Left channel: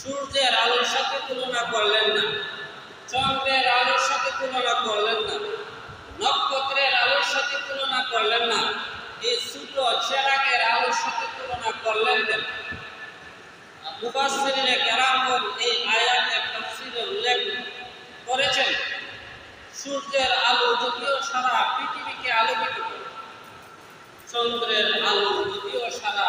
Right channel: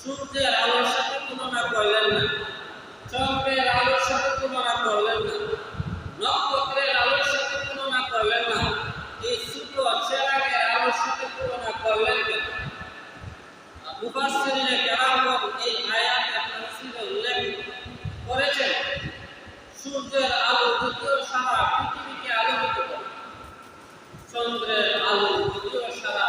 সূর্যের আলোর সাথে তুলনা করলেন না, চন্দ্রের আলোর সাথে তুলনা করলেন না, নক্ষত্রের আলোর সাথে তুলনা করলেন না, এই ছোট চেরাগের আলোর সাথে তুলনা করলেন কেন? মুফাসসিরিনে কেরামগণ এই আয়াতের তাফসীরে উল্লেখ করেছেন, সূর্যের আলো যদিও সারা পৃথিবীকে আলোকিত করে, চন্দ্রের আলো যদিও সারা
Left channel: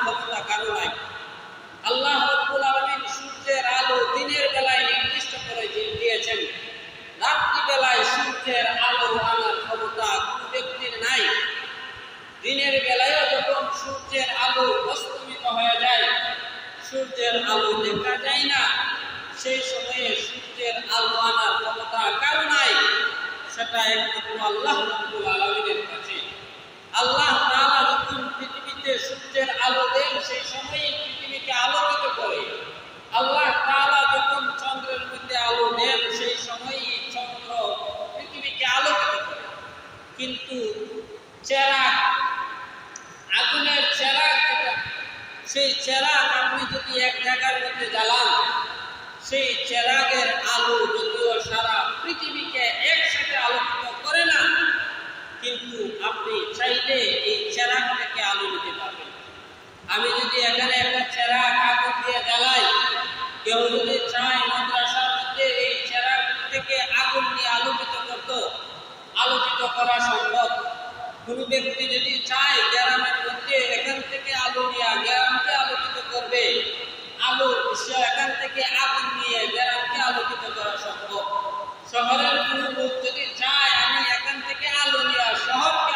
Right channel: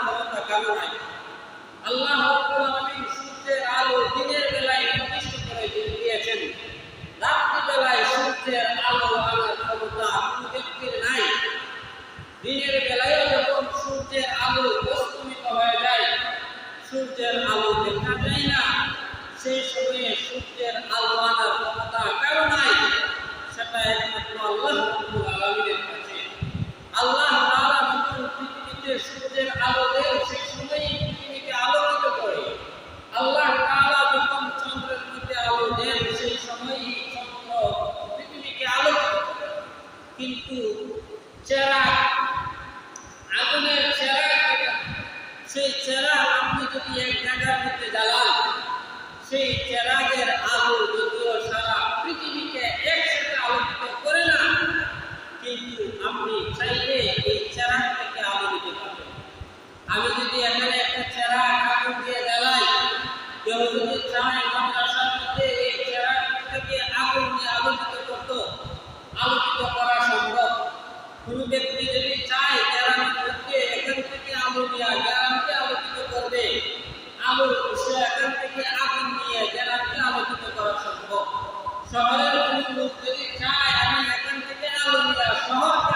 কারও নাই। আল্লাহ রব্বুল আলামিন সূর্যের আলো দিনের বেলায় নির্দিষ্ট করে দিয়েছেন। রাত্রি বেলায় সূর্যের আলো আনার ক্ষমতা কোনো ব্যক্তির নাই। দিনের বেলায়ও যখন সূর্যের আলো অস্তমিত হয়ে যায়, সূর্যের আলো দেখা যায় না। সেই সময়ে সূর্যের আলো আনার ক্ষমতা কারও নাই, সেটা একমাত্র আল্লাহ রব্বুল আলামিনের কাছে। আল্লাহ তাআলা পৃথিবীতে সূর্যের আলো দেন সেই সময়ই পৃথিবীকে আলোকিত করে। আল্লাহ তাআলা যখন চন্দ্রের মধ্যে আলো দেন, সেই সময়ই চন্দ্র পৃথিবীকে আলোকিত করে। কিন্তু চেরাগ, আগুনের চেরাগ সেই চেরাগ আপনি যদি এক জায়গার মধ্যে জ্বালান, সেই চেরাগের আলো যদিও সারা পৃথিবীকে একসাথে আলোকিত করে না, কিন্তু আপনি চাইলে এই চেরাগ থেকে আমি যদি এখানে একটা চেরাগ আগুন দিয়ে জ্বালাই, কেউ যদি চায় মাদ্রাসার মধ্যে এই চেরাগ থেকে আগুন নিয়ে আলোকিত করতো, আলোকিত করা সম্ভব। কোনো ব্যক্তি যদি চায় গ্রামের মধ্যে এখান থেকে আলো নিয়ে, গ্রামকে আলোকিত করবে, আলো সে এখান থেকে আগুন নিয়ে গ্রামকে আলোকিত করা সম্ভব। শহরের কোনো লোক যদি চায়, আমি এখান থেকে আলো নিয়ে, শহরকে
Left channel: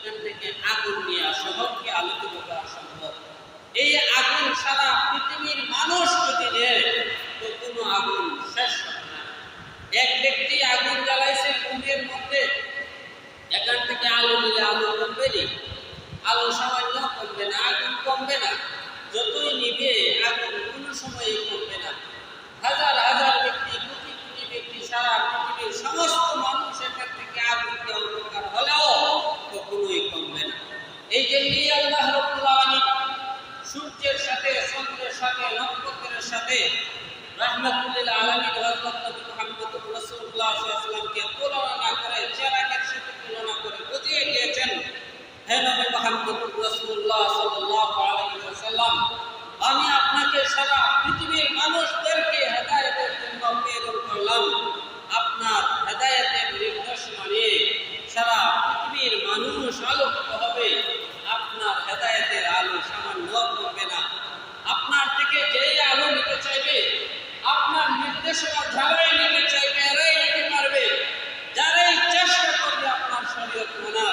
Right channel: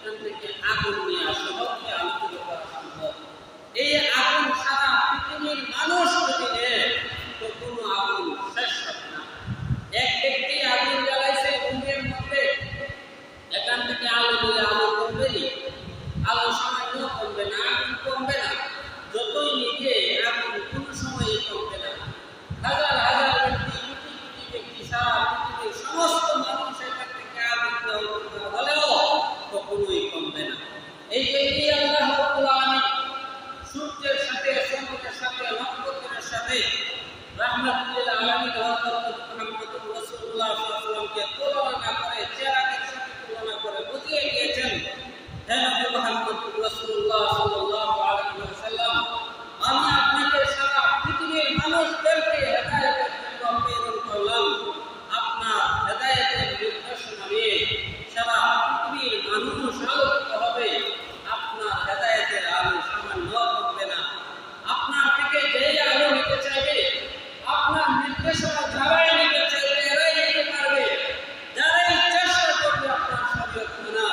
এখান থেকে আগুন নিয়ে আসা। হোক কি আলোকিত করা সম্ভব। এই আগুন সারা পৃথিবীর মানুষ যদি নেয় তো কোনো আগুন শেষ হবে না এক ব্যক্তি আগুন জ্বালাইছে ঘুমের মধ্যে এখান থেকে আলো দিলে আলো কমবে নি আলো সামান্য কমবে না আগুন কমবে না যতই নিবে আগুন কোনো সময়ই কমবে না হাজার হাজার ব্যক্তি কোটি কোটি ব্যক্তি সারা পৃথিবীর সমস্ত মানুষ এখান থেকে আগুন দেওয়া উপকার হলেও কখনোই কমবে না এই জন্যই আল্লাহ রব্বুল আলামিন সূর্যের সাথে চন্দ্রের সাথে নক্ষত্রের সাথে রাহমাতুল্লিল আলামিন হযরত নবী মুহাম্মদ রাসূলুল্লাহ সাল্লাল্লাহু আলাইহি ওয়াসাল্লামকে তুলনা না করে চেরাগের সাথে তুলনা করে বুঝিয়ে দিয়েছেন হে নবী মুহাম্মদ রাসূলুল্লাহ সাল্লাল্লাহু আলাইহি ওয়াসাল্লাম আমি আপনাকে সারা পৃথিবীর মানুষদেরকে হেদায়েতের জন্য প্রেরণ করলাম আপনার হেদায়েতের নির্দেশনা নিয়ে সারা পৃথিবীর মানুষ আলোকিত হবে আপনার হেদায়েতের আলো সামান্য কমবে না আপনার থেকে যেই আলো নিতে চাইবে আপনার নির্দেশনা যারাই নিতে চাইবে এরাই নিতে পারবে যারাই চেষ্টা করবে আপনার শরীয়ত মানা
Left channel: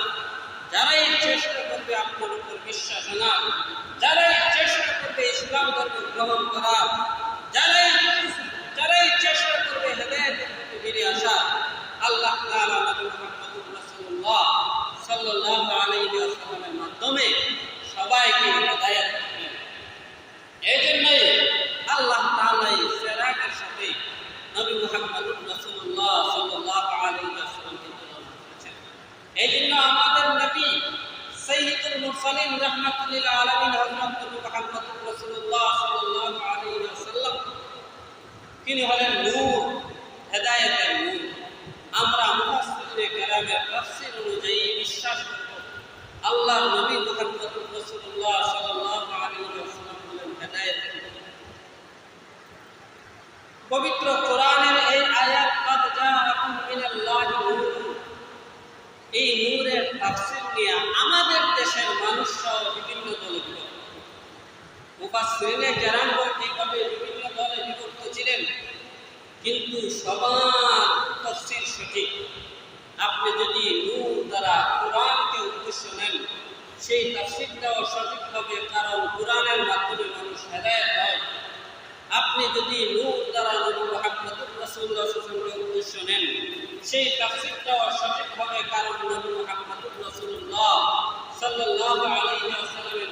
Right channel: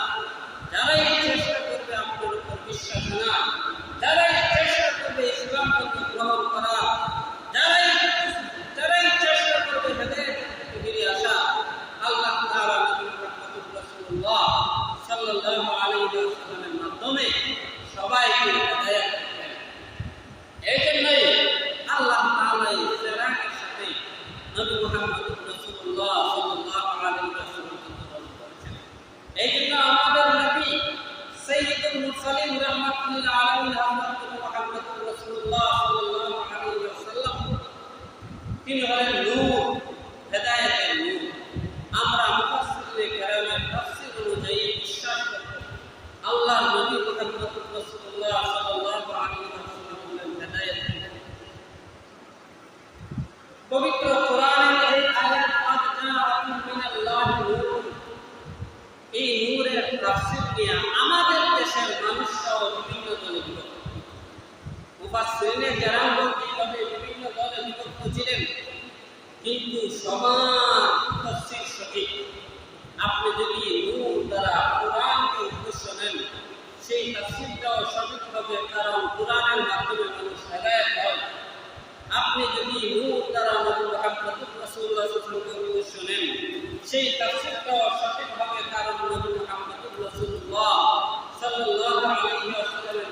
যারাই চেষ্টা করবে আপনার উপর বিশ্বাস আনা যারাই চেষ্টা করবে ইসলাম ধর্ম গ্রহণ করা যারাই যারাই চেষ্টা করবে হেদায়েত থেকে বেরিয়ে আসা আল্লাহ তাআলা নবী মুহাম্মদ রাসূলুল্লাহ সাল্লাল্লাহু আলাইহি ওয়াসাল্লামের মাধ্যমে সবাইকে হেদায়েত করবেন এই জন্যই আল্লাহ তাআলা এই ফেরাকের সাথে নবী মুহাম্মদ রাসূলুল্লাহ সাল্লাল্লাহু আলাইহি ওয়াসাল্লামকে তুলনা করেছেন এই জন্য আমাদের নবী সৈয়দুল মুরসালিন রাহমাতুল্লিল আলামিন হযরত নবী মুহাম্মদ রাসূলুল্লাহ সাল্লাল্লাহু আলাইহি ওয়াসাল্লাম তিনি হলেন নূর, হেদায়েতের নূর। আমরা মুফাসসিরে কেরামের তাফসীর অনুযায়ী বিশ্বাস করব। আল্লাহ নবী মুহাম্মদ রাসূলুল্লাহ সাল্লাল্লাহু আলাইহি ওয়াসাল্লাম হলেন হেদায়েতের পবিত্র কোরআনের এই আয়াত কাদ জাআকুম মিনাল্লাহি নূর। এই নূরের তাফসীর নিয়ে আমাদের দেশের মানুষ সহ বিভিন্ন দলে বিভক্ত। মুফাসসিরিনে কেরামগণ এইভাবে বিভিন্ন দলে বিভক্ত ছিলেন কিন্তু সবার তফসির সঠিক। আপনি যদি নূর দ্বারা কোরআনকে উদ্দেশ্য নেন, সেই তাফসিরটাও সঠিক হবে, কারণ কোরআনের মাধ্যমে মানুষ হেদায়ত হয়। আপনি যদি নূর দ্বারা নবী মুহাম্মদুর রাসূলুল্লাহ উদ্দেশ্য নেন, সেই তাফসীরটাও সঠিক হবে, কারণ নবী মুহাম্মদুর রাসূলুল্লাহ সাল্লাল্লাহু আলাইহি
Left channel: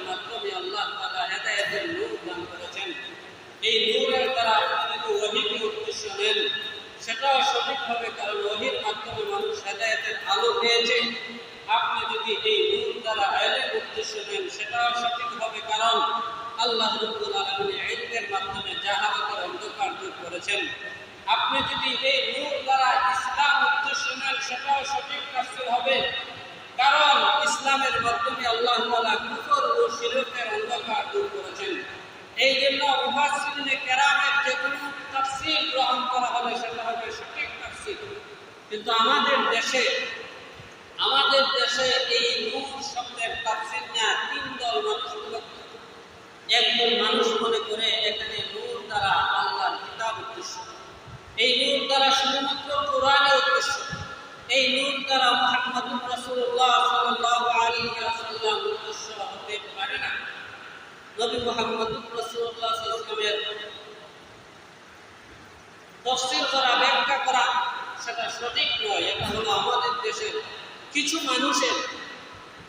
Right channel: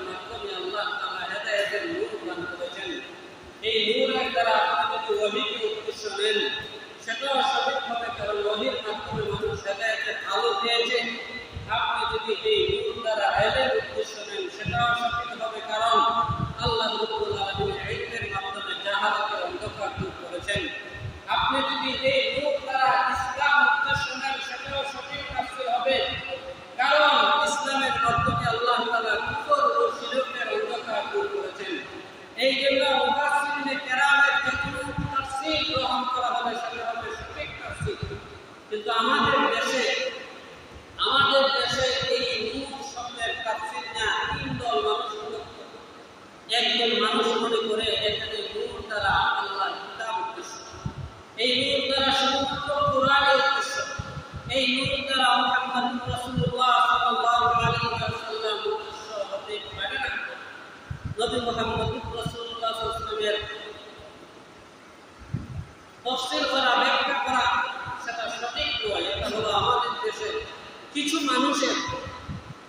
মাধ্যমে আল্লাহ তাআলা হেদায়েতের নূর দান করেছেন এই নূরের দ্বারা আপনি যদি ওহীকে উদ্দেশ্য সেটাও সঠিক হবে, কারণ ওহীর মাধ্যমে মানুষ হেদায়েতের আলো পেয়েছে। আপনি যদি এই নূর দ্বারা আইলের উদ্দেশ্য নেন, সেটাও সঠিক হবে, কারণ আল্লাহ রব্বুল আলামিন ইলমের মাধ্যমে জাহালাতের অন্ধকার দূর করেছেন। আপনি যদি এই নূর দ্বারা ইসলাম উদ্দেশ্য নেন, সেটাও সঠিক তাফসীর হবে। কারণ ইসলামের মাধ্যমে আল্লাহ তাআলা কুফর ও শিরকের অন্ধকার দূর করেছেন। এই জন্য মুফাসসিরিনে কেরামের যে কোনো তাফসীর গ্রহণ করা হলে সেটা হবে সঠিক তাফসীর। কিন্তু আমাদের দেশে আমাদের দেশে এই নূর শব্দের তাফসীর না তিন দল মানুষ মনে একদল মানুষ মনে করে এখানে নূর দ্বারা আল্লাহর কিতাব উদ্দেশ্য। এই নূর দ্বারা শুধুমাত্র কোরআনের উদ্দেশ্য। এই নূর দ্বারা মুহাম্মদুর রাসূলুল্লাহ সাল্লাল্লাহু আলাইহি ওয়াসাল্লাম উদ্দেশ্য হতে পারে না। নবী মুহাম্মদুর রাসূলুল্লাহ সাল্লাল্লাহু তফসিল করা, ব্যাখ্যা করা, সেটা সঠিক নয়। এটা হলো আমাদের দেশের কিছু মানুষের,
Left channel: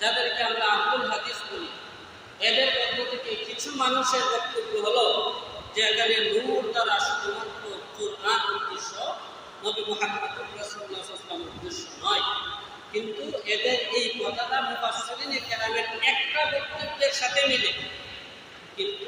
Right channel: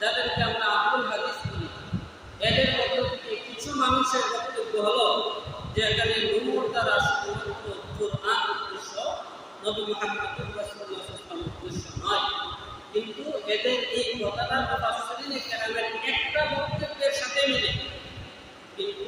যাদেরকে আমরা আব্দুল হাদিস বলি, এদের মধ্য থেকে কিছু মানুষের বক্তব্য হলো যে এখানে নূর দ্বারা শুধুমাত্র উদ্দেশ্য, নবী আলাইহি উদ্দেশ্য নয়। কিন্তু এদের এই কথাটা মুফাসসিরিনে কেরামের একটা বক্তব্যের সাথে মিলে। কিন্তু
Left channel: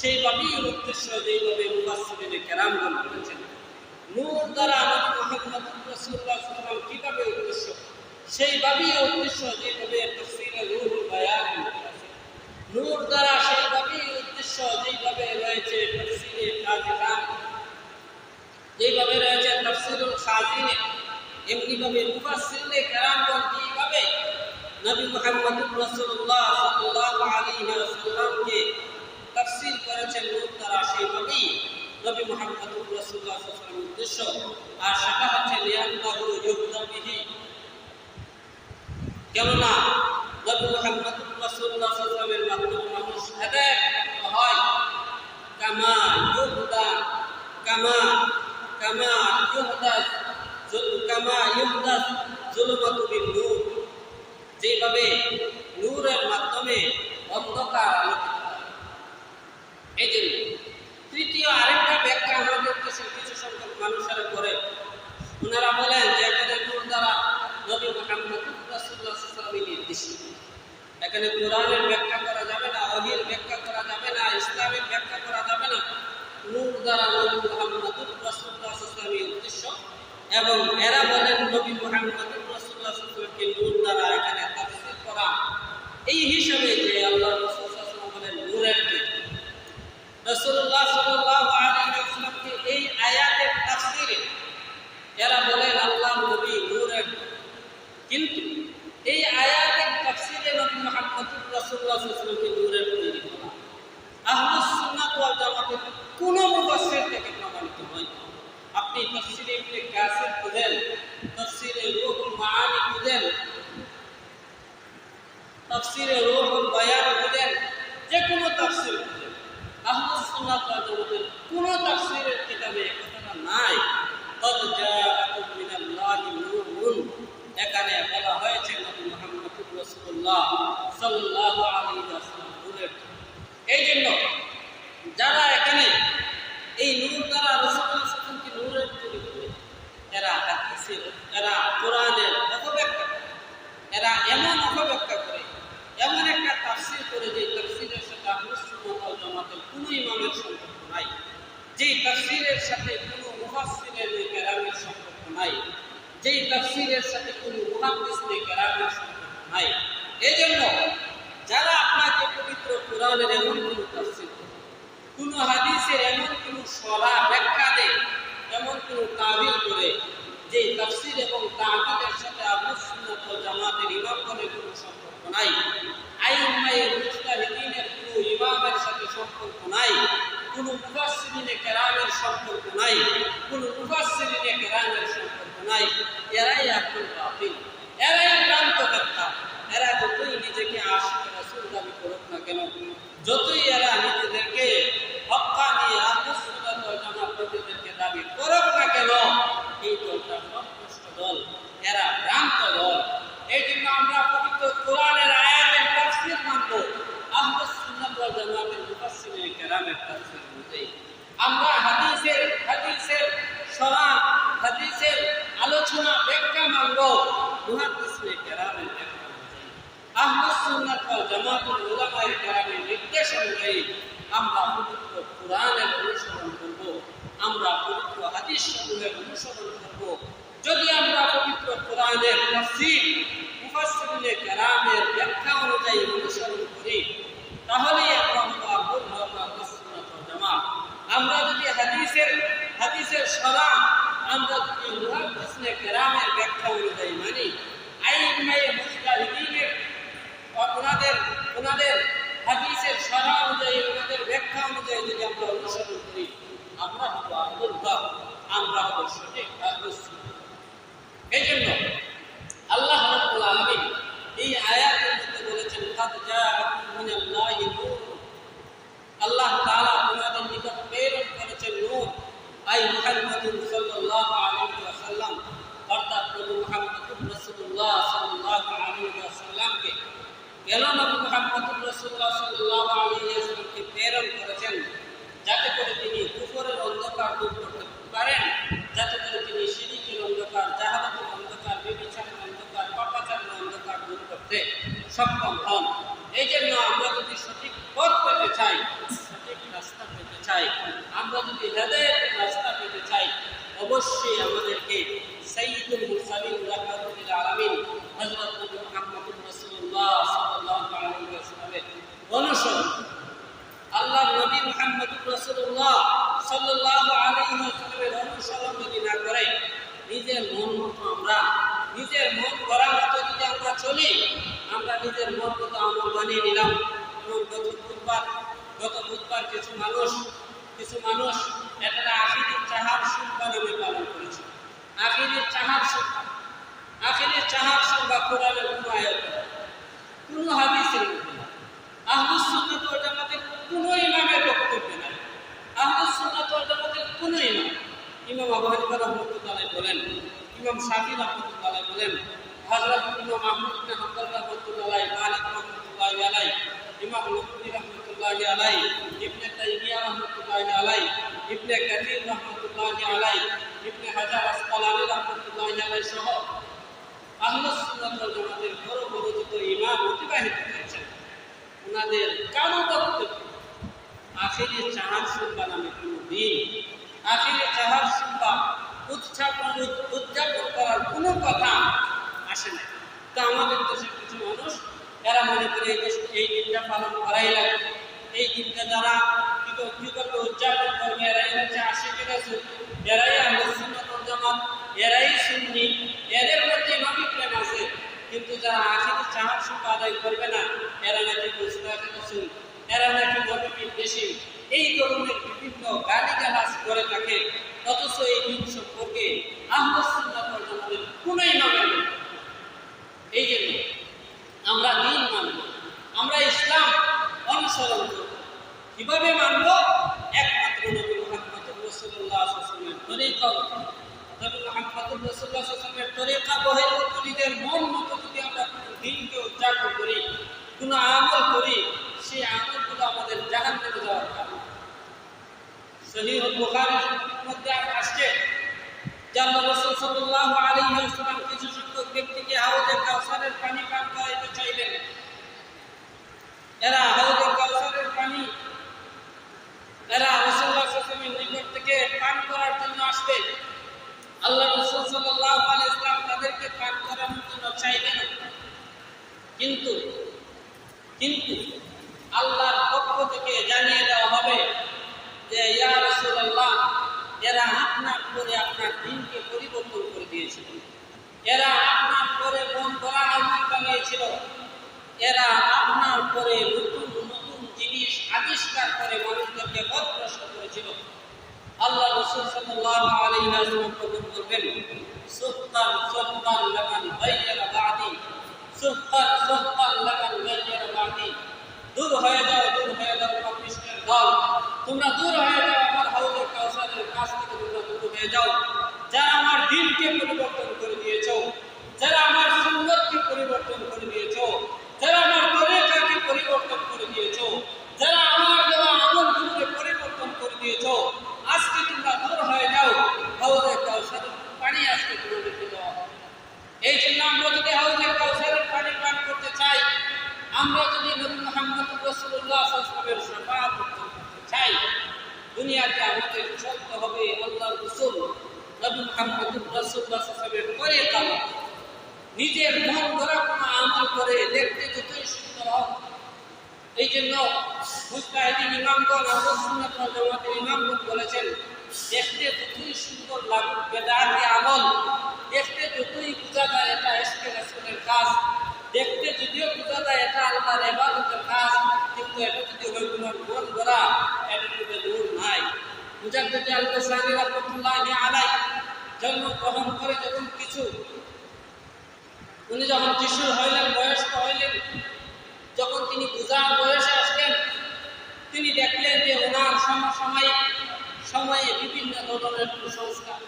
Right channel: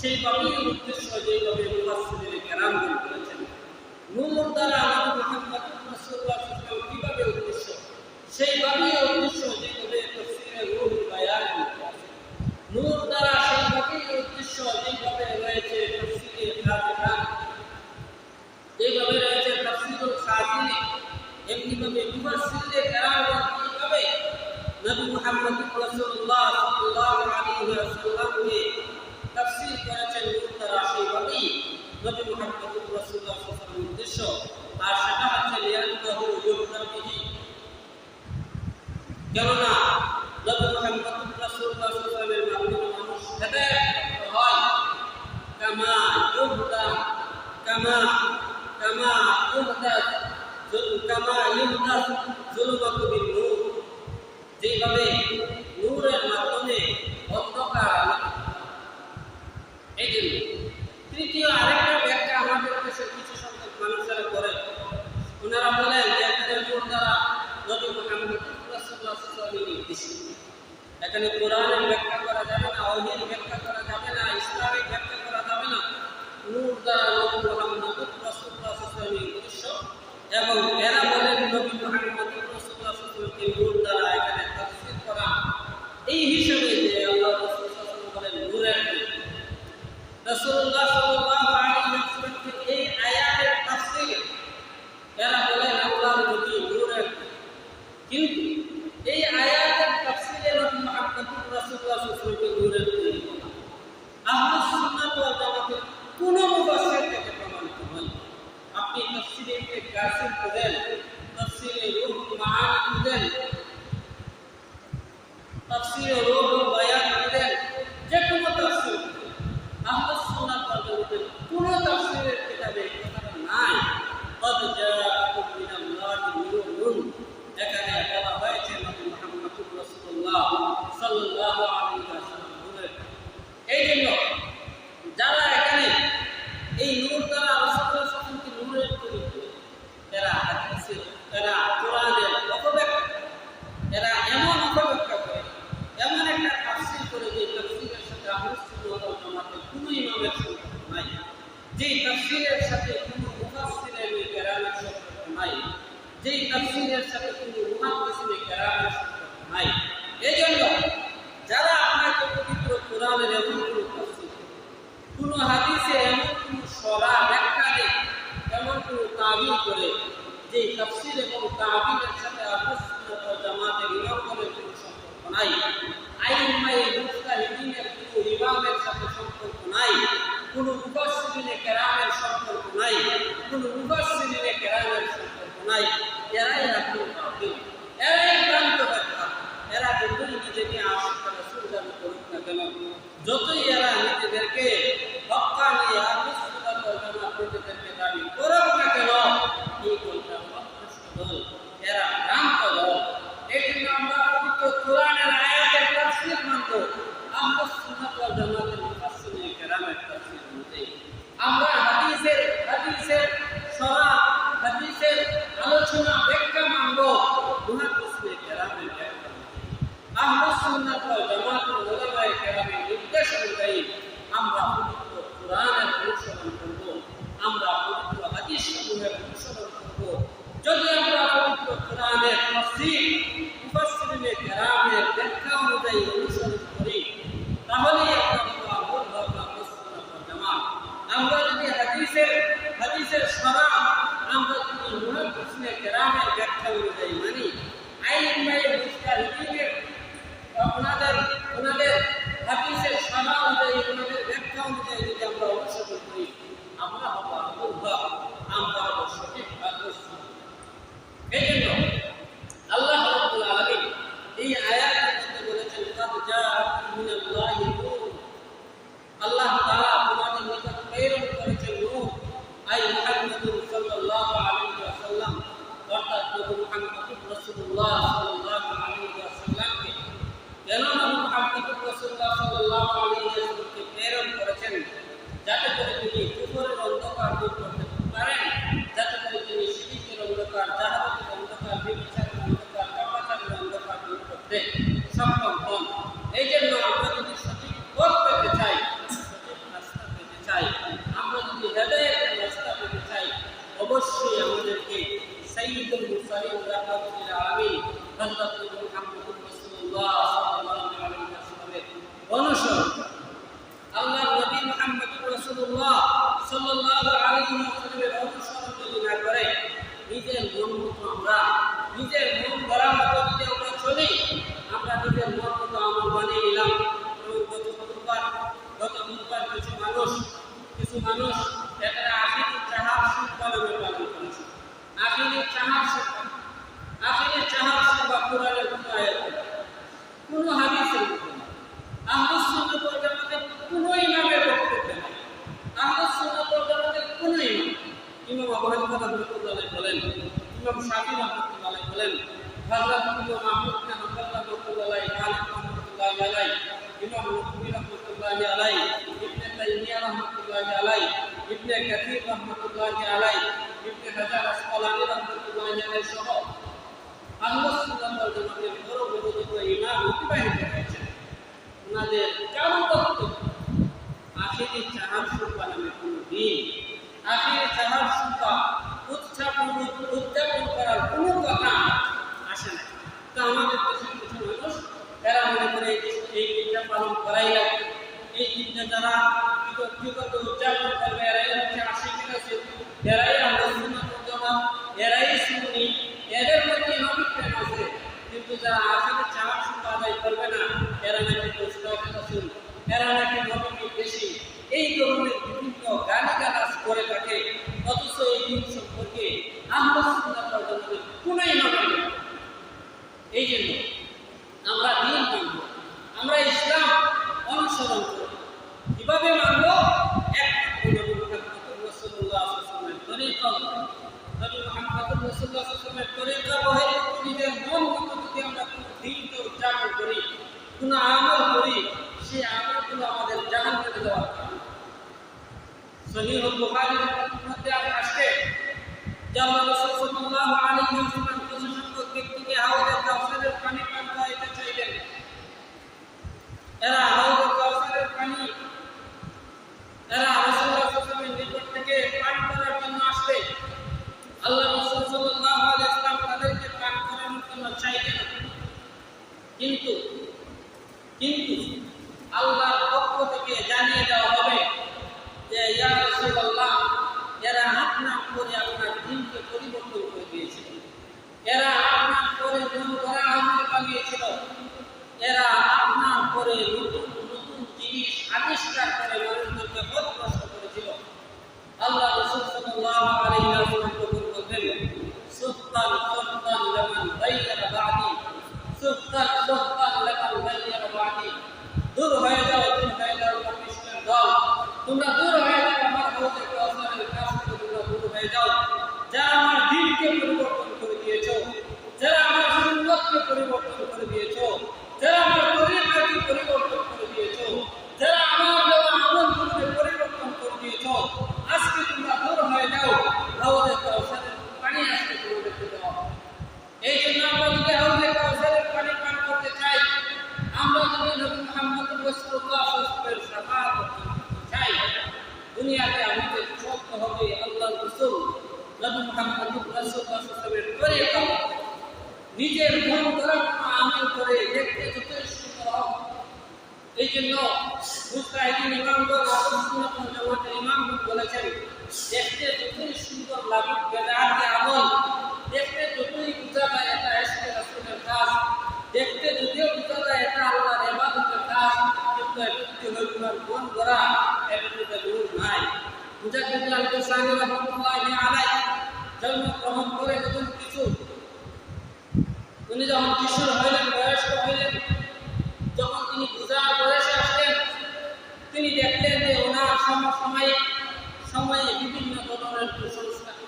সেইভাবেই উদ্দেশ্য যেভাবে মুফাসসিরিনে কেরামগণ করেছেন, নূর দ্বারা নবী মুহাম্মদ আলাইহি ওয়াসাল্লাম কীভাবে উদ্দেশ্য সেইভাবেই উদ্দেশ্য যেভাবে তাফসীরে রূহুল বায়ান নূর দ্বারা সেইভাবেই উদ্দেশ্য যেভাবে রয়েছে তাফসীরে খাজিহান যেভাবে রয়েছে তাফসীরুল খাজিনে এমনিভাবে মুফাসসিরে কেরামগণ কীভাবে নবী মুহাম্মদ রাসূলুল্লাহ সাল্লাল্লাহু আলাইহি ওয়াসাল্লামকে তাফসীর করেছেন নূর দ্বারা সেইভাবেই নবী মুহাম্মদ রাসূলুল্লাহ সাল্লাল্লাহু আলাইহি ওয়াসাল্লামের আর সেটা হচ্ছে মানুষ কামা ইউহদা কামা কামা ইউহদা যেভাবে নূরের মাধ্যমে অন্ধকার আলোকিত হয় এই জন্য তৃতীয় আরেকটা ব্যাখ্যা আমাদের দেশের কিছু সংখ্যক মানুষেরা করে ওনারা বলেন যে এখানে নূর দ্বারা নবী মোহাম্মদ সাল্লাল্লাহু নির্দেশিত? এখানে কোরআনের ব্যাখ্যা করা যাবে না অহির ব্যাখ্যা করা যাবে না, ইসলামের ব্যাখ্যা করা যাবে না। নূর দ্বারা নবী মোহাম্মদ সাল্লাল্লাহু উদ্দেশ্য এবং এরা বলেন নবী মোহাম্মদ সাল্লাল্লাহু নূর দ্বারা এখানে তাফসীর করা। এই হিসাবে যে আল্লাহ রাসূল বলেন, নূরের দিক রাসূলুল্লাহ সাল্লাল্লাহু আলাইহি ওয়াসাল্লামকে এই আয়াতের তাফসীরে এরা বলেন আল্লাহর নবী নূরের কিন্তু এই আয়াতের তাফসীরে নবী মুহাম্মদুর রাসূলুল্লাহ সাল্লাল্লাহু আলাইহি ওয়াসাল্লামকে নূরের তৈরি বলা আহলুস সুন্নাত ওয়াল জামাতের কোন মুফাসসির থেকে প্রমাণিত নয় আপনি তাফসীরে ইবনে কাসির খুঁজেন তাফসীরে রূহুল মাআনি খুঁজেন তাফসীরে রূহুল বায়ান নাই সরাম আমরা যদি মুহাদ্দিসনে কেরামের ব্যাখ্যা অনুযায়ী মানি। আইনমাই মুস্তাহিদিনের ওনাদের ওনাদের হাদিসের সরা অনুযায়ী, ওনাদের ব্যাখ্যা অনুযায়ী যদি আমরা অনুসরণ করি, আমরা হব আমরা হব সঠিক আদর্শ এই জন্য প্রেরণ করেছেন। যাতে করে তিনি কুফরের অন্ধকার দূর করতে পারেন, যাতে করে তিনি সিরিজের অন্ধকার অবহেল করার গুরুত্বতালে বলেন, ইমাম শাহি রহমতুল্লাহ বলেন হজরত ইমাম আহমদ হাম্বাল রহমতুল্লাহ মালিক রহমতুল্লাহ আলাই ইমাম লক্ষ্মী রহমতুল্লাহ আলাই ইবনে তাইমিয়া রহমতুল্লাহ আলাই ইবনে কাদির রহমতুল্লাহ আলাই ইবনে হাজার ওনাদের কারণ বক্তব্য, আখেরি চাহান নামে কোনো দিন আখিরে চাহার সুতা উত্থাপন উত্থাপন করার কোনো কথা আসে না তা আমাদের দেশের কিছু মানুষ, তারা মনে করে এই দেশ, এই দিনটা পালন করাই লাগে এই দিনটা যারা কী উদযাপন করবে, এরাই হচ্ছে আশি ঠিক আছে এরাই আলোচনাত জামাত, এরাই শুনি এদের মধ্যে নবী প্রেম আছে। কিন্তু যারা আখিরে চাহার সুতা আদায় করবে না, এরা নাকি মুস্তাফ রাসুল এরা নাকি নবী বেশি। এই ধরনের বিভিন্ন গালি গালা Era আমার দিনকে পরিবর্তন করে দিয়েছ যারা আমার সুন্নতকে পরিবর্তন করে দিয়েছ যারা আমার তরিকাকে পরিবর্তন করে দিয়েছ যারা আমার দেওয়া আমলগুলোকে পরিবর্তন করে দিয়েছ আজকে তোমরা দূর হয়ে যাও হাউজে কাউসারের পানি আজকে তোমাদেরকে দেওয়া হবে। এই জন্য আমরা যদি হাউজে কাউসারের পানি পান করতে চাই আমরা যদি নবী মোহাম্মদ রসুল্লাহ সাল্লামের সাফাত করতে চাই দুনিয়াতে আমাদের চলতে হবে আল্লাহ রসুল নবী নিজের মন করা কোনো আমল করে, দেখতে যতই সুন্দর হোক। এই জন্য মুস্তাহিদিন ইমামগণ ওয়াল জামাতের ইমামগণ বলেছেন, দেখতে যতই সুন্দর লাগুক, বেদাতি আমল। দেখতে যতই বোঝা যায় এটা এসকে রাসূলের কাজ। দেখতে যদিও বোঝা যায় এটা আল্লাহর ইবাদতের কাজ, কিন্তু এটা যদি হয় তোমার মন গড়া এটা কিন্তু দূর নাই। মুজাদ্দিদ আল-কাসারি রাহমাতুল্লাহি জন্মগ্রহণ করে যখন কিছু, উনি যখন কিশোর হইলেন, বয়স্ক হইলেন, যখন তিনি বুঝার বয়সে আসলেন, তিনি দেখলেন যে ওনার সমসাময়িক সময়ে বিভিন্ন ধরনের কুসংস্কার,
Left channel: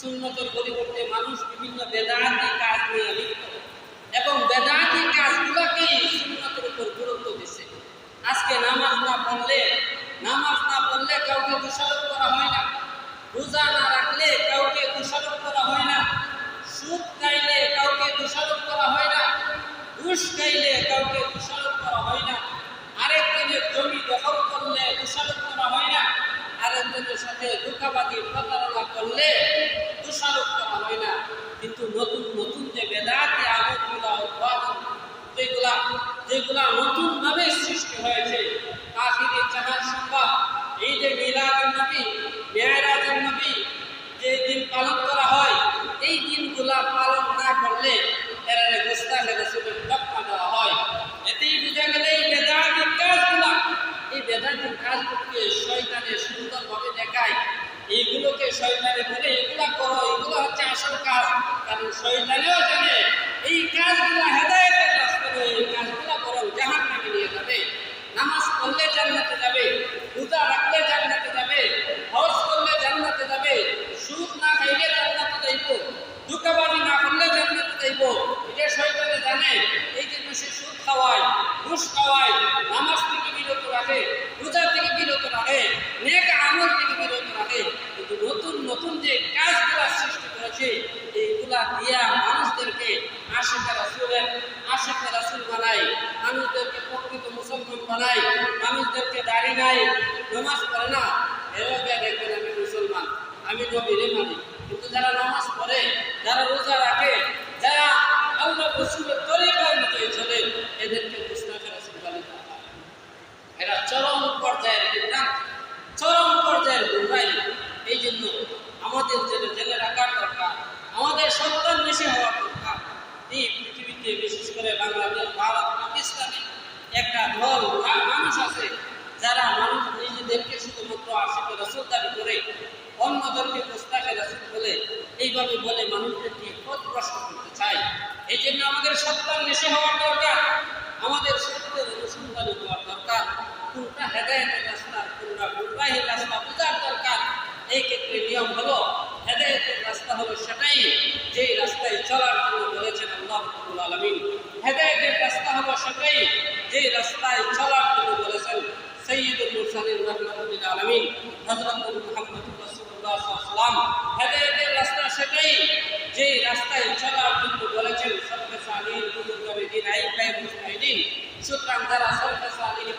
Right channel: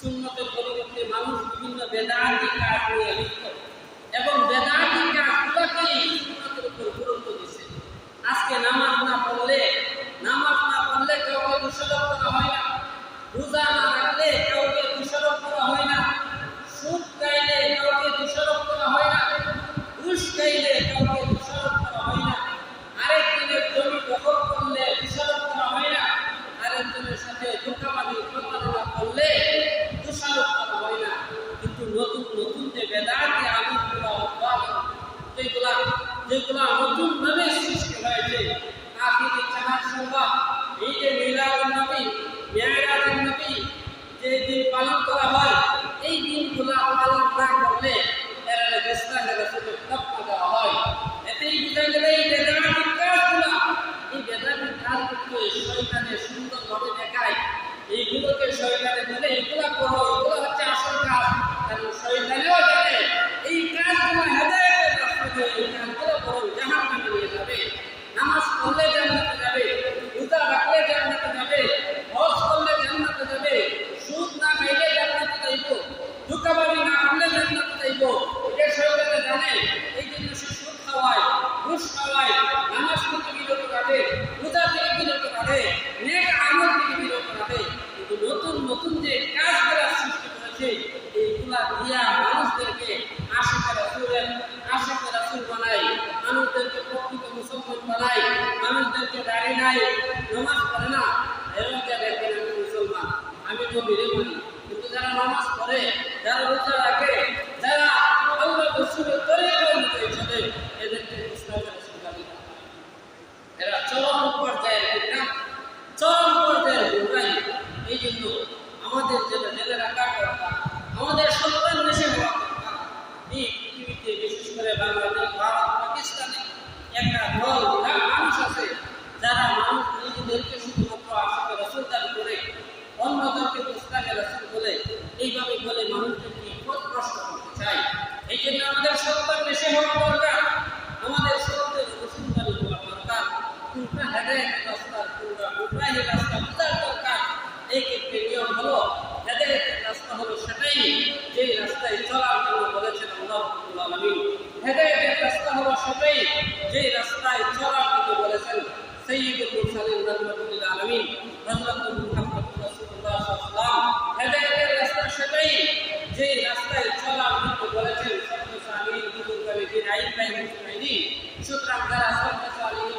সুন্নতের পরিবর্তে মানুষ বিভিন্ন বেদাতি কাজ নিয়ে লিপ্ত এবং বেদাতি কাজগুলোকেই সুন্নতের উপর গুরুত্ব দিচ্ছে। আজকে নামাজ না পড়লে, নামাজ না পড়লে কাউকে দোষারোপ করা হয় না। রোজা না রাখলে কাউকে দোষারোপ করা হয় না। সুদ গাইলে কাউকে দোষারোপ করা হয় না। ঘুষ গাইলে কাউকে দোষারোপ করা হয় না। আরেকজনের জমি দখল করলে দোষারোপ করা হয় না। আরেকজনের সাথে ধোকাবাজি প্রতারণা করলে দোষারোপ করা হয় না কিন্তু নতুন নতুন যে বেদাতি আমলগুলা উদ্ভাবন যেগুলা যেগুলা নতুন ভাবে সৃষ্টি হয়েছে আখিরি চাহার সংবাদ এই যে মিলাদুন নবী মেয়রাজুন নবী যে দিন পালন করা হয় এই দিনগুলা পালন না করলে এরা গোস্তানে রসুলের তকমা দেওয়া হয় এতেই বোঝা গেলে এই বেদাতি কাজগুলা এই বেদাতি কাজগুলোকে শয়তানে সুন্দরভাবে দেখায় এইগুলোকে শয়তানে বলে এগুলা করো, এগুলো হচ্ছে আসল কাজ। কারণ শয়তানেও জানে, এই কাজগুলো হেদায়তের রাস্তা এই কাজগুলো বরং জাহান নামে নিয়ে যাবে। নামাজ পড়লে জান্নাতে যাবে, রোজা রাখলে জান্নাতে যাবে, হজ করলে জান্নাতে যাবে, সুদ না খাইলে জান্নাতে যাইব না করলে জান্নাতে যাইব। এটা শয়তানে জানে, এই জন্য সে সুদ খাওয়ায়, ঘুষ খাওয়ায়, নামাজ থেকে বিরত রাখে, রোজা থেকে বিরত রাখে নেক আমল থেকে বিরত রাখে কিন্তু নতুন নতুন যে কাজগুলা সৃষ্টি করেছে এইগুলা দিয়া মানুষদেরকে আশেখে রাসুলের আশেখে রাসুল বানায় মানুষদেরকে প্রকৃত মুসলমান মানুষদেরকে দাড়ি নাই, নামাজ পড়ে না। এরকম দেখবেন আমি মুসলমান, আমি নবীরে মানি। কিন্তু যারা নামাজ পড়ে, যারা রোজা রাখে, যারা আল্লাহ রসুলের তরিকা অনুযায়ী চলে, এদেরকে মুস্তাফা রসুল এরা চরম পর্যায়ের বিজ্ঞান চরম পর্যায়ের গুণাই এই জন্য আমাদের যেটা জেলে রাখার দরকার আমাদের সন্তান বেশি হওয়া দরকার এই পৃথিবীতে বিশেষ করে বাংলাদেশ ভারত পাকিস্তানে একটা দল মা- মানুষ আছে, যারা মানুষ নিজেদেরকে শুধুমাত্র আশেকে রসুল দাবি করে, অন্যদেরকে গোস্তাকে রসুল বলে, এইভাবে বলে মানুষদেরকে পথভ্রষ্ট করতে চায়? এই জন্য আমাদের সন্তান বেশি হওয়ার দরকার, আমাদের সত্যের অনুসন্ধান হওয়ার দরকার, কোনটা হেদায়তের রাস্তা, কোনটা গুমরাহি রাস্তা বোঝার দরকার। এই ক্ষেত্রে নিয়ম হলো, হেদায়তের রাস্তা হলো সেটাই, যেই রাস্তায় চলার জন্য বলেছেন আল্লাহ রাব্বুল আলামিন হেদায়তের রাস্তা যে রাস্তায় চলার জন্য বলেছেন সৈয়দুল মুরসালিন রাহমাতুল্লিল আলামিন, হযরত মুহাম্মদ আলাইহি ওয়াসাল্লাম, হেদায়েতের রাস্তা সেটাই। যে রাস্তায় চলার জন্য বলেছেন সবকে সালিহিন মুজতাহিদিন সুতরাং যারা সবকে সালিহিন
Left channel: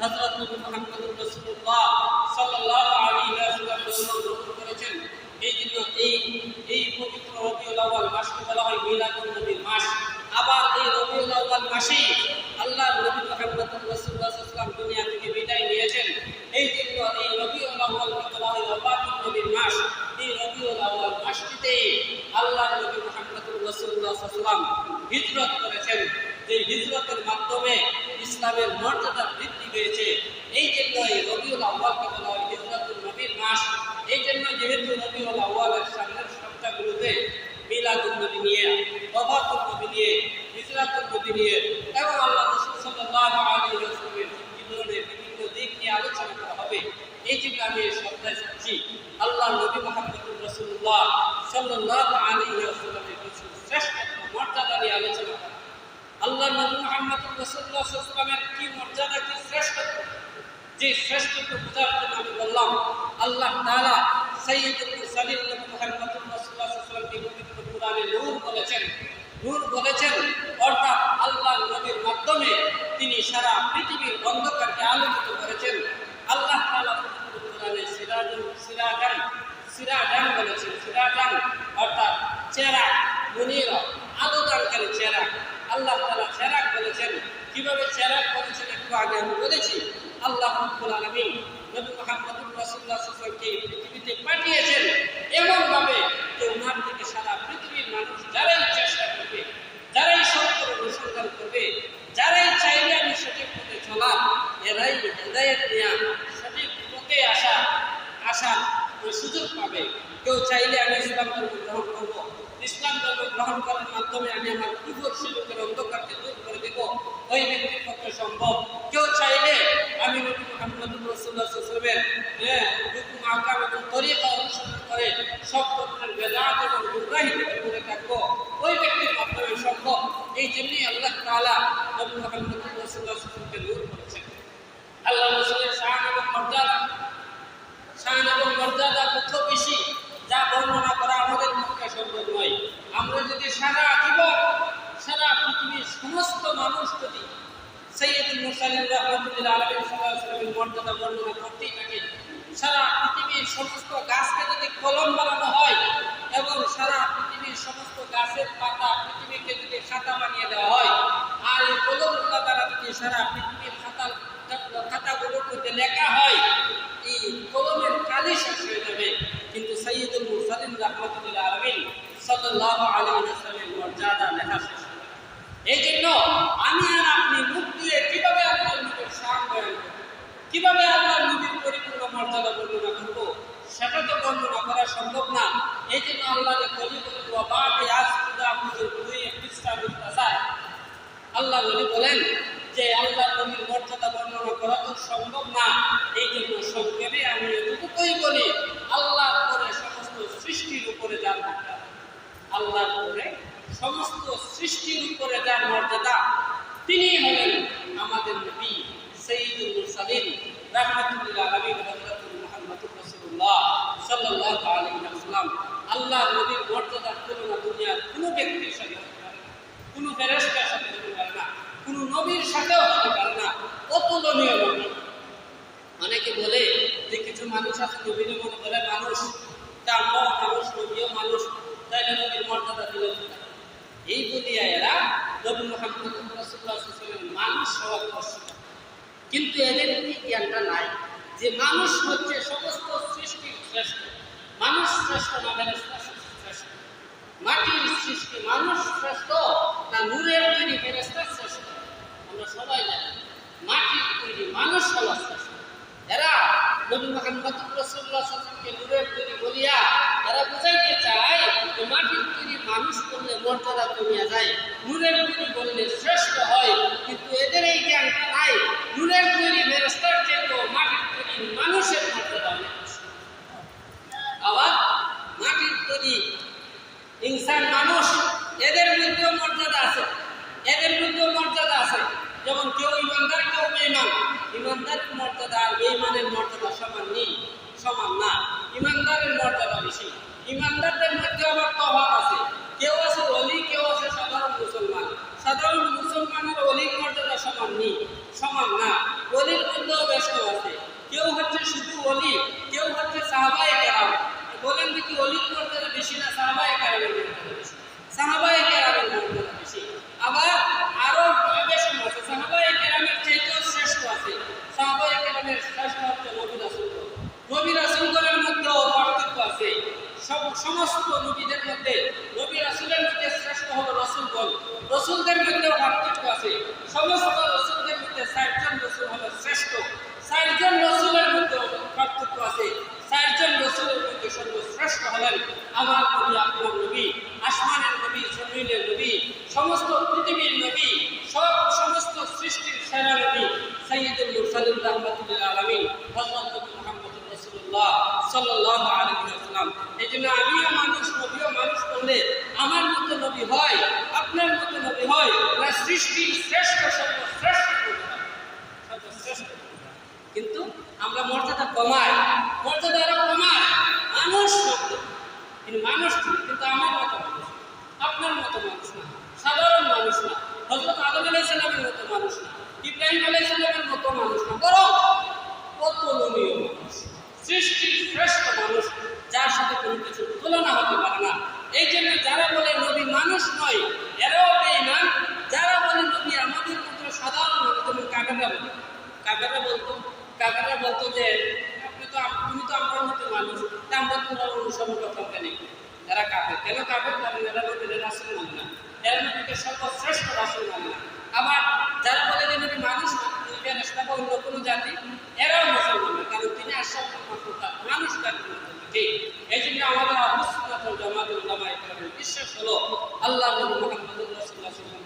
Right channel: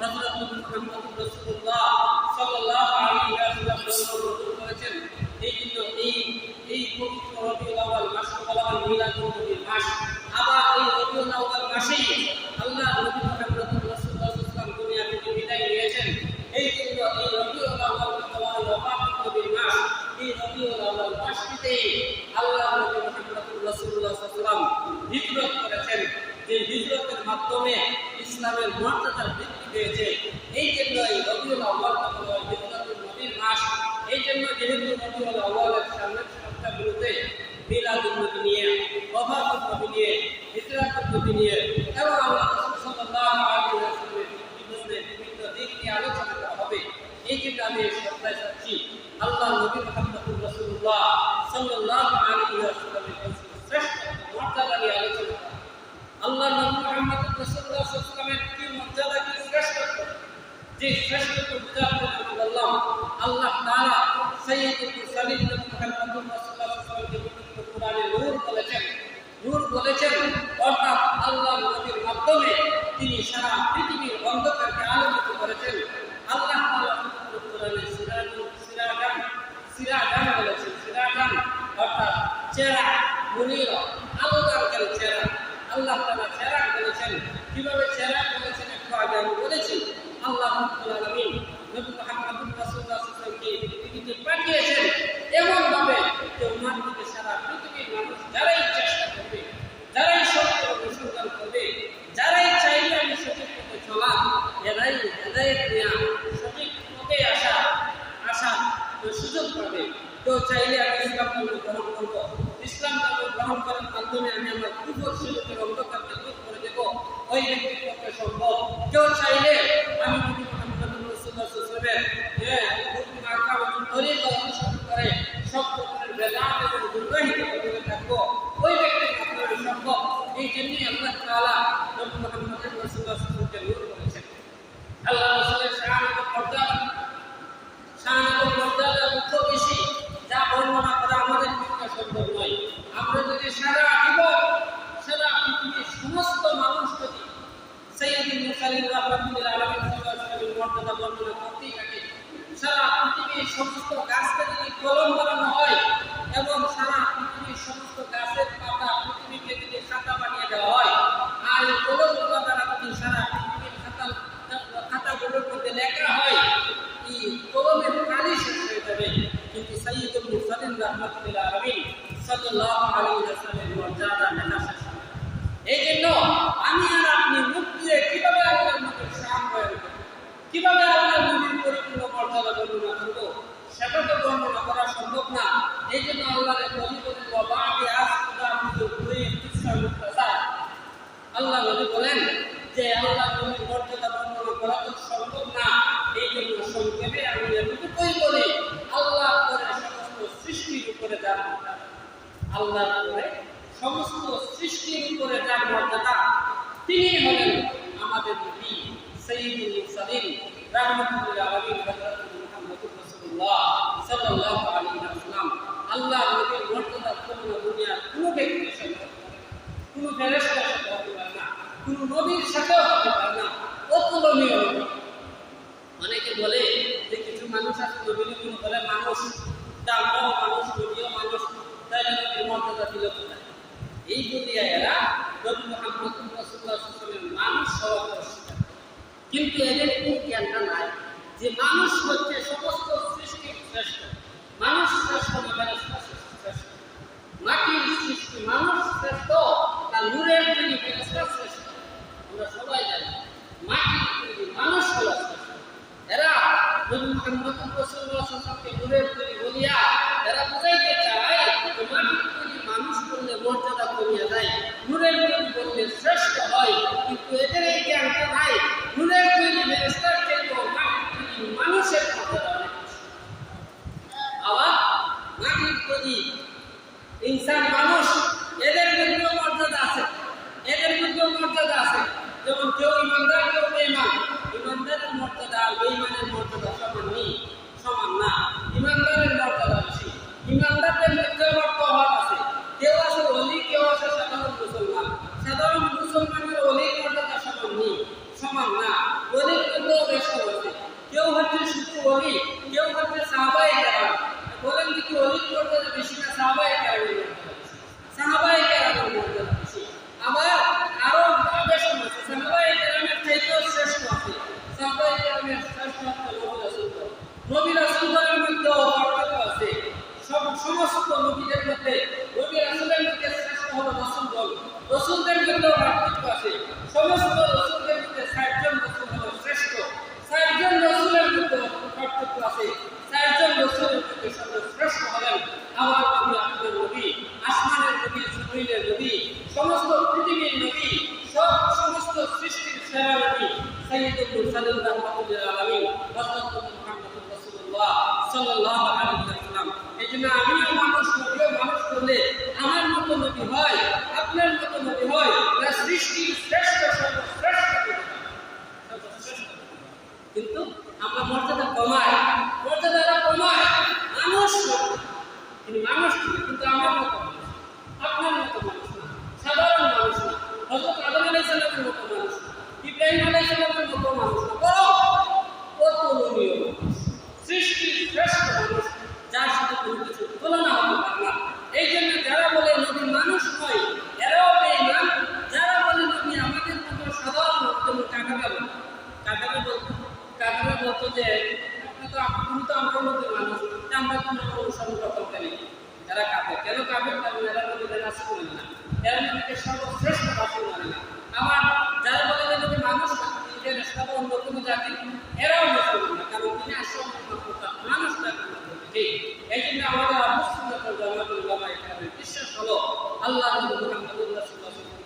হযরত নবী মুহাম্মদুর রাসূলুল্লাহ সাল্লাল্লাহু আলাইহি ওয়াসাল্লাম করেছেন, এই জন্য এই এই পবিত্র রবিউল আউয়াল মাসকে বলা হয় মিলাদুন নবীর মাস। আবার এই রবিউল আউয়াল মাসেই আল্লাহ নবী মুহাম্মদুর রাসূলুল্লাহ সাল্লাল্লাহু আলাইহি ওয়াসাল্লাম দুনিয়া থেকে বিদায় নিয়েছেন। এই জন্য এই রবিউল আউয়ালকে বলা হয় ওয়াফাতুন নবীর মাস। এই রবিউল আউয়াল মাসটিতে আল্লাহ নবী মুহাম্মদুর রাসূলুল্লাহ সাল্লাল্লাহু আলাইহি ওয়াসাল্লাম হিজরত করেছেন। যে হিজরতের মাধ্যমে ইসলামের মর্যাদা বৃদ্ধি পেয়েছে এই জন্য এই রবিউল আউয়ালকে বলা হয় হিজরতুল নবীর মাস এই জন্য যেহেতু রবিউল আউয়ালের সামনের সপ্তাহগুলোতে মিলাদুল নবী নিয়ে ওয়াফাতুল নবী নিয়ে হিজরাতুল নবী নিয়ে এবং আল্লাহ রাসূল সাল্লাল্লাহু আলাইহি ওয়াসাল্লামের জীবনের বিভিন্ন দিক নিয়ে আলোচনা করা হবে এই জন্য আমি এই সপ্তাহে চাচ্ছি আল্লাহ নবী মোহাম্মদুর রাসূলুল্লাহ সাল্লাল্লাহু আলাইহি ওয়াসাল্লামের শ্রেষ্ঠ মর্যাদা নিয়ে আলোচনা করা আল্লাহ নবী মোহাম্মদুর রাসূলুল্লাহ সাল্লাল্লাহু আলাইহি ওয়াসাল্লামের কি মর্যাদা কি শ্রেষ্ঠত্ব যে শ্রেষ্ঠত্ব বোঝার জন্য আমি বললাম আল্লাহ তাআলা সাইয়্যিদুল মুরসালিন নবী মুহাম্মদুর রাসূলুল্লাহ সাল্লাল্লাহু আলাইহি ওয়াসাল্লামকে পবিত্র কোরআনে নূর বলেছেন নূর বলেছেন অর্থাৎ আল্লাহ নবীর মাধ্যমে তিনি সারা পৃথিবীর অন্ধকারকে আলোকিত করেছেন। আল্লাহ সিরাজান বলেছেন, সিরাজান অর্থাৎ চেরা আল্লাহ চেরাক বলেছেন। বলেছেন আগে আমি বলেছি। আল্লাহ পাঠিয়েছেন এমন ভাবে যে ওনার থেকে সারা পৃথিবীর মানুষ যারাই চেষ্টা করবে যারাই সত্যের অনুসন্ধান করবে যারাই চাইলে আমি সঠিক এরাই হেদায়েত নেওয়া সঠিক পথে আসা আসা সুযোগ পাবে। কেউ চাইলে আমি ইসলাম ধর্ম গ্রহণ করব। ইসলাম ধর্ম গ্রহণ করার মাধ্যমে আমি আমার কুফর শিলকের অন্ধকারকে দূর করে দেব। ওই ব্যক্তির পক্ষে সম্ভব। কেউ চাইলে আমি হ্যাঁ করে সম্ভব। এই জন্যই আল্লাহ মুহাম্মদ রাসূলুল্লাহ সাল্লাল্লাহু আলাইহি ওয়াসাল্লামকে নূর করেছেন আল্লাহ রাসূলের শান এবং মর্যাদা। শান এবং মর্যাদা কত বেশি যা বর্ণনা করা আমাদের পক্ষে সম্ভব নয়। আমরা যদি সারা জীবন, সারা পৃথিবীর সমস্ত মানুষ যদি সৈয়দুল মুরসালিন রাহমাতুল্লাহ আলাইহি সাল্লামের মর্যাদা বর্ণনা করতেই থাকে, সারা পৃথিবীর সমস্ত গাছকে যদি কলম বানানো হয় এবং সারা পৃথিবীর সমস্ত গাছের পাতা পৃথিবীকে যদি খাতা বানিয়ে দেওয়া হয়, আর এই কলমগুলো দ্বারা যদি সারা পৃথিবীর খাতা মধ্যে লেখা হয়, এই কলমের কালি শেষ হয়ে যাবে। কিন্তু সৈয়দুল মুরসালিন রাহমাতুল্লাহ আলামিন সাল্লাল্লাহু আলাইহি ওয়াসাল্লামের মর্যাদা লেখা শেষ এই জন্য আমি আর আপনি মুখ দিয়ে কীভাবে আল্লাহর নবীর বয়ান করব, কীভাবে আল্লাহর নবীর পরিপূর্ণ মর্যাদা বর্ণনা করব, সেটা তো বর্ণনা করা সম্ভব না। এই জন্য আল্লাহরে বলি বলি বাবাকে আজ খুদা দুই ইসলাম আল্লাহ নবী বলেন যে আল্লাহ নবীর করা তো সম্ভব না। এই জন্য সংক্ষেপে আমি এতটুকুই বলি, আল্লাহ করে সমস্ত সৃষ্টির উপরে যার মর্যাদা। আল্লাহ করে সমস্ত সৃষ্টির উপরে যার মর্যাদা, তিনি হলেন আমাদের নবী সৈয়দুল মুরসালিন রাহমাতুল্লাহ আলামিন, হযরতুল মুহাম্মদুর রাসূলুল্লাহ সাল্লাল্লাহু আলাইহি ওয়াসাল্লাম। আল্লাহ নবীর মর্যাদা তুলনা দুনিয়ার কোনো ব্যক্তির সাথে কোনো ফেরেশতার সাথে হতে পারে না। কোনো নবীর সাথেও হতে পারে না। অতুলনীয় নবী। অনেকে বলে যে কিছু মানুষ আছে নবীর মনে করে মানুষ, তা মানুষ, নবীও মানুষ, তাইলে নবীর মর্যাদা দিল এই বলিয়া এরা নবী মোহাম্মদ রাসূলুল্লাহ মানুষ হওয়ার কিন্তু এদের এই জ্ঞানটা নাই যে মানুষ হচ্ছে সমস্ত সৃষ্টির শ্রেষ্ঠ। মানুষ শ্রেষ্ঠ না শ্রেষ্ঠ? মাটির সৃষ্টি মানুষ শ্রেষ্ঠ না নূরের তৈরি ফেরেশতা শ্রেষ্ঠ আমরা সবাই জানি মাটির তৈরি মানুষ হলো এরা নবী মোহাম্মদ রাসূলুল্লাহ সাল্লাল্লাহু নূরের বলিয়া এরা বুঝাইতে চায় মাটির তৈরি মানুষ করলে মর্যাদা কমিয়া যায়, নূরের তৈরি বললে শ্রেষ্ঠ হয়। কিন্তু এদের এই জ্ঞানটা নাই, নূরের তৈরি ফেরেশতার চাইতেও মাটির তৈরি মানুষের মর্যাদা আবার মাটির তৈরি ইনসান মানুষ, এদের মধ্যেও মর্যাদা আছে। যেমন কেউ ইমানদার, কেউ বেইমান ইমানদারের মর্যাদা? আর বেইমানের মর্যাদা সমান নেই, সমান না। ইমানদারের মর্যাদা বেশি। ইমানদারদের মধ্যে আবার প্রভাব আছে। কেউ আছে অলি কেউ আছে সাধারণ মুসলমান। সাধারণ মুসলমানের অলির মর্যাদা সমান নেই, সমান না। অলির মধ্যেও ব্যস্ত আছে। কেউ হচ্ছে শুধু অলি কেউ হচ্ছে সাহাবাই কেরাম। বলেন যে কি অলির মর্যাদা বেশি না সাহাবাই কেরামের মর্যাদা বেশি? সাহাবাই কেরামের মর্যাদা বেশি। আবার আরও মধ্যেও রসুলদের মধ্যেও মধ্যে ষাটজন রসুল হলো শ্রেষ্ঠ। ষাটজন রসুলের মধ্যে পার্থক্য আছে। ষাটজন রসুলের মধ্যে সর্বশ্রেষ্ঠ হলেন আমার নবী আপনার নবী, আসমানের নবী, জমিনের নবী, সমস্ত পৃথিবীর নবী। সব সমস্ত সৃষ্টির সেরা নবী সৈয়দুল মুরসালিন রাহমাতুল্লিল আলামিন, হযরত মুহাম্মদুর রাসূলুল্লাহ সাল্লাল্লাহু আলাইহি ওয়াসাল্লাম আমিও মানুষ, নবীও মানুষ করলে আমার মতো নবী হয়, আপনার মতো নবী হয়, না সৃষ্টির শ্রেষ্ঠ সর্বশ্রেষ্ঠ। সর্বশ্রেষ্ঠ কিন্তু আমরা মর্যাদা কমাই মর্যাদা এরা কমায়, মানুষ। তিনি মানুষ কিন্তু আমার মতো মানুষ আপনার মতো মানুষ না, সাধারণ মানুষ না হজরত আদম আলাইসাল্লামের মতো মানুষ না, ইব্রাহিম আলাইসাল্লামের মতো মানুষ না, বরং অতুলনীয় মানুষ, সৃষ্টির শ্রেষ্ঠ মানুষ, যার সাথে কোনো কিছু তুলনা হতে পারে না। এই জন্য যারা বলে নবী মানুষ নয়, এরাও বেঈমান। যারা বলে নবী আমাদের মতো সাধারণ মানুষ যেমন কাকারা বলতো কাকারা বলতো কাকারা বলতো যে, আপনি তো তুমি তো আমার মতো মানুষ, তা আমরা তোমার অনুসরণ করতাম কেন এরা কাফের। কেন কাফের? কারণ এরা নবীর রাসুল মানে না। এরা নবীকে সর্বশ্রেষ্ঠ রাসুল মানে আবার যারা বলে যে নবী মানুষ ফেরেশতা বা অন্য কোনো জাতি, এরাও মুসলমান না, কারণ তিনি আসল মানুষ ঠিক এই জন্য আমাদের আহসুন্নাতুল জামাতুল উলামা ইকরামের বিশ্বাস হলো, আল্লাহ মুহাম্মদুর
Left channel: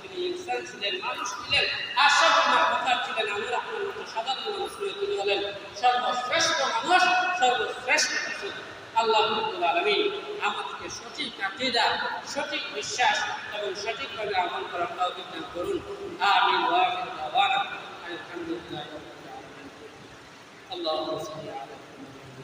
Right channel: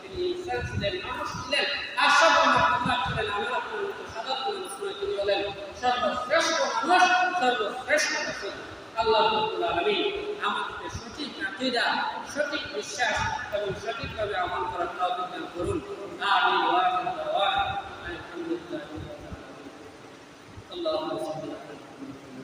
তিনি ইনসান ছিলেন, মানুষ ছিলেন আর সব মাখলুকাত ছিলেন, আমরা আপনার সাধারণ মানুষ তিনি হলেন সর্বশ্রেষ্ঠ মানুষ, সর্বশ্রেষ্ঠ রাসূল। আল্লাহ রাব্বুল আলামিন আমাদেরকে সঠিক আকীদা সঠিক বিশ্বাস এবং সঠিকভাবে আমল করার তৌফিক দান করুন। আমিন ওয়া আখির দাওয়ানা আলহামদুলিল্লাহি রাব্বিল আলামিন। আল্লাহুম্মা সাল্লি আলা